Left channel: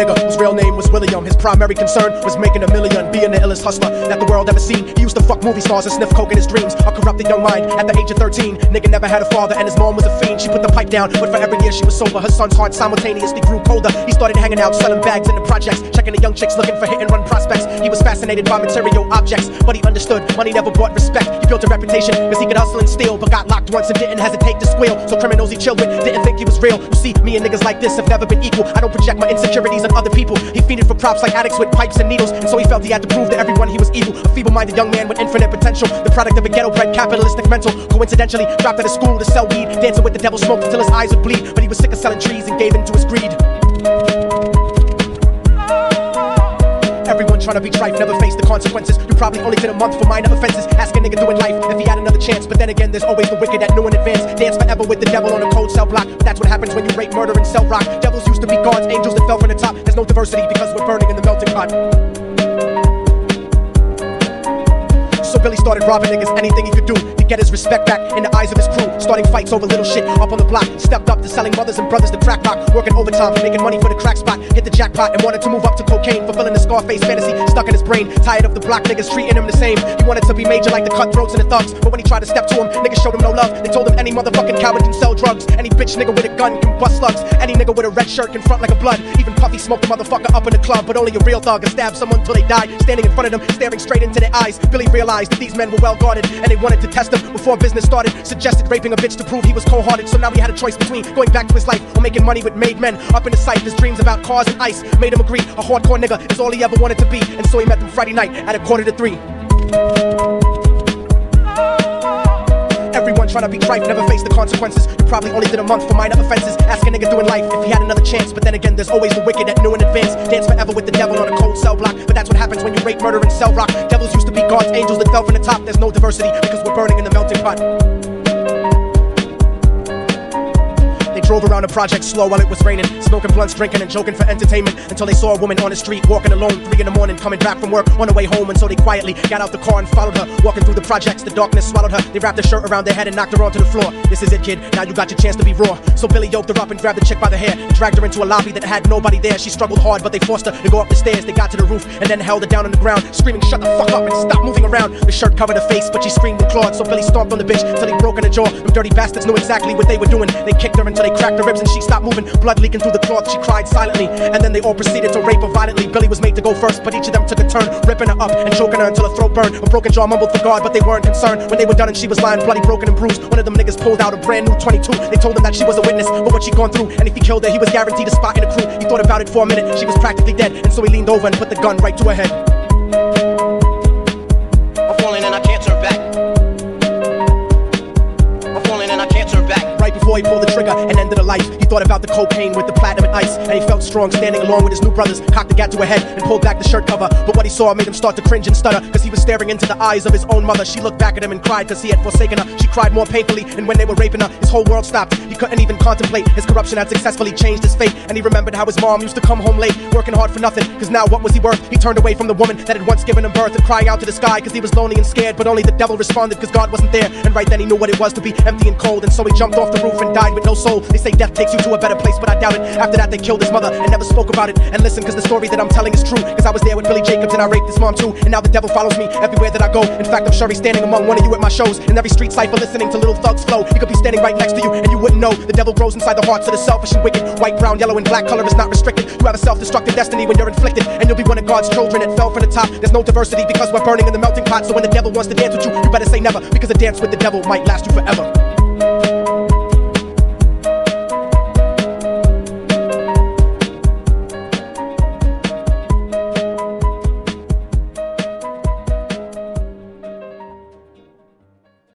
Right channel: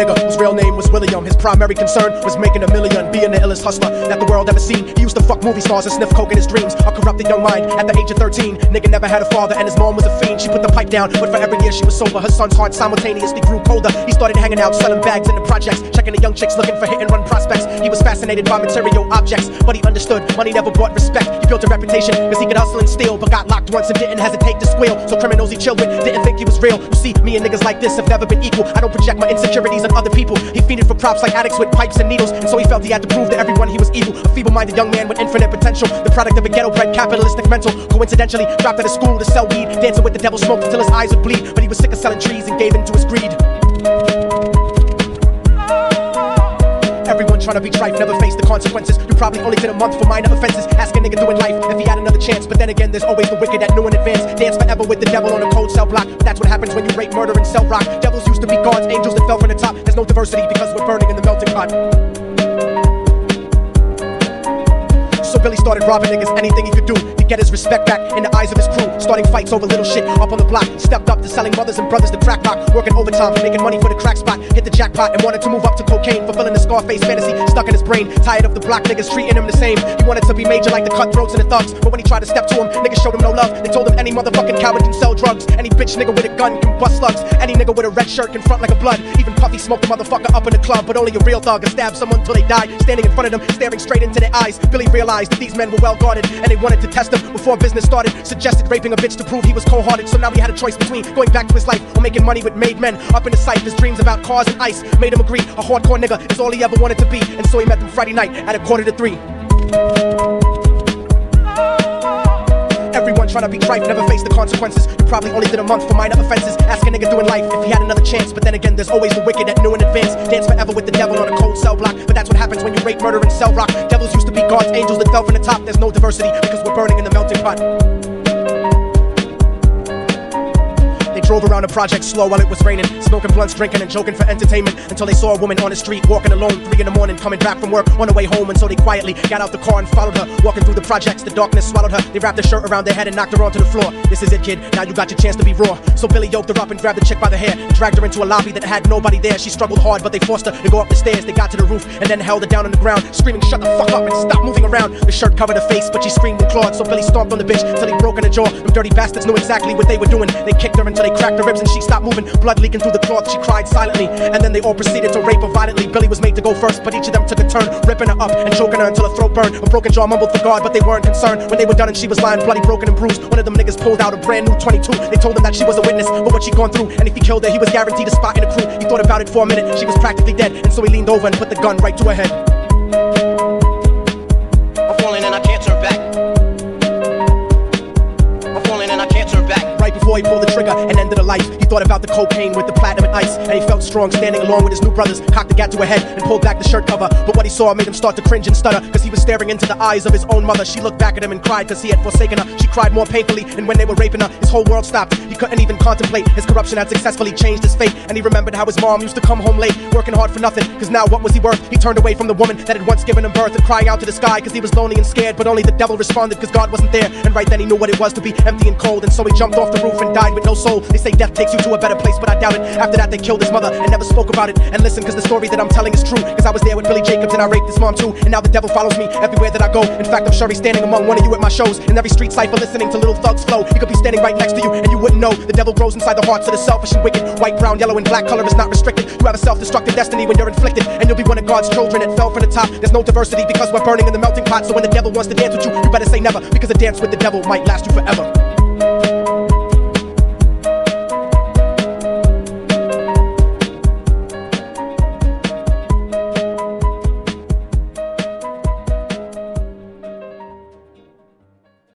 nigga whose real name was William. His primary concern was making $1 million, being the illest hustler that the world ever seen. He used to fuck movie stars and sniff coke in his dreams. A corrupted young mind at the age of 13. Nigga never had a father and his mom was a fool. She put the pipe down. Material objects, but he understood money never bought respect. He built a reputation because he could hustle and steal, but got locked once and didn't hesitate to squeal. So criminals he chilled with didn't think he was real. You see, me and niggas like this have never been equal. I don't project my insecurities on other people. He fiended for props like addicts with pipes and needles, and so he felt he had to prove to everyone he was evil. A feeble-minded young man with infinite potential, the product of a ghetto-bred capitalistic mental. Coincidentally, dropped out of school to sell weed, dancing with the devil, smoked until his eyes would bleed. But he was sick of selling trees and gave in to his greed. Everyone trying to be tripe never faced the consequences. You probably only did a month for minor offenses. Ask a nigga doing life if he had another chance. But then again, there's always the wicked that knew in advance. Dance forever with the devil on a cold cell block. That's what happens when you break murder and cell block. Devils used to be gods, angels that fell to the top. There's no diversity because we're burning in the mountain spot. So when he started watching his money, thinking he could get his respect back in the eyes of his crew. Starting fights over little shit up on the block. Stepped up to selling mothers and brothers to crack rock. Working overtime, making money for the crack spot. Hit the jackpot and wanted to move up to cocaine, fulfilling the Scarface fantasy stuck in his brain. Tired of the block niggas treating him the same. He wanted to be major like the cutthroats and the thugs, but when he tried to step to him, niggas showed him no love. They told him any motherfucking coward can sell drugs. Any bitch nigga with a gun can bust slugs. Any nigga with a red shirt can front like a blood. Even Puffy smoked the motherfucker up in the club, but only a real thug can stab someone till they die. Standing in front of them, staring straight into their eyes, Billy realized that these men were well guarded, and they wanted to test him before business started. Suggested raping a bitch to prove he was cold-hearted. So now he had a choice between going back to his life or making money with made men. Up in his sight, his dreams about cars and ice made him agree a hardcore nigga is all he ever wanted to be. And so he met them Friday night at 2:45. Everyone trying to be tripe never faced the consequences. You probably only did a month for minor offenses. Ask a nigga doing life if he had another chance. But then again, there's always the wicked that knew in advance. Dance forever with the devil on a cold cell block. But that's what happens when you rape, murder, and sell rock. Devils used to be gods, angels that fell from the top. There's no diversity because we're burning in the melting pot. Drove around the project slow while it was raining, smoking blunts, drinking and joking for entertainment, until they saw a woman on the street walking alone, 3 in the morning, coming back from work on her way home. And so they quietly got out the car and followed her, walking through the projects. The darkness swallowed her. They wrapped her shirt around their head and knocked her onto the floor. This is it, kid, now you got your chance to be raw. So Billy yoked her up and grabbed the chick by the hair and dragged her into a lobby that had nobody there. She struggled hard, but they forced her to go up the stairs. They got to the roof and then held her down on the ground, screaming, "Shut the fuck up and stop moving around." The shirt covered her face, but she screamed and clawed. So Billy stomped on the bitch till he broke in her jaw. Them dirty bastards knew exactly what they were doing. They kicked her until they cracked her ribs and she stopped moving, blood leaking through the cloth. She cried silently, and then they all proceeded to rape her violently. Billy was made to go first, but each of them took a turn, ripping her up and choking her until her throat burned. A broken jaw mumbled for God, but they weren't concerned. When they were done and she was lying bloody, broken and bruised, one of them niggas pulled out a brand new 22. They told him that she was a witness for what she'd gone through, and if he killed her, he was guaranteed a spot in the crew. He thought about it for a minute. She was practically dead, and so he leaned over and put the gun right to her head. I'm falling and I can't turn back. I'm falling and I can't turn back. Right before he pulled the trigger and ended her life, he thought about the cocaine with the platinum and ice, and he felt strong standing along with his new brothers. Cocked the gat to her head and pulled back the shirt cover, but what he saw made him start to cringe and stutter, because he was staring into the eyes of his own mother. She looked back at him and cried because he had forsaken her. She cried more painfully, and when they were raping her, his whole world stopped. He couldn't even contemplate. His corruption had successfully changed his fate, and he remembered how his mom used to come home late, working hard for nothing, because now what was he worth? He turned away from the woman that had once given him birth, and crying out to the sky because he was lonely and scared, but only the devil responded because God wasn't there. And right then he knew what it was to be empty and cold, and so he jumped off the roof and died with no soul. They say death takes you to a better place, but I doubt it. After that they killed his mother and never spoke about it. And listen, cause the story that I'm telling is true, cause I was there with Billy Jacobs and I raped his mom too. And now the devil follows me everywhere that I go. In fact, I'm sure he's standing among one of you at my shows. In every street cipher listening to little thugs flow. He could be standing right next to you and you wouldn't know. The devil grows inside the hearts of the selfish and wicked. White, brown, yellow and black color is not restricted. You have a self-destructive destiny when you're inflicted, and you'll be one of God's children that fell from the top. There's no diversity because we're burning in the melting pot. So when the devil wants to dance with you, you better say never, because a dance with the devil might last you forever.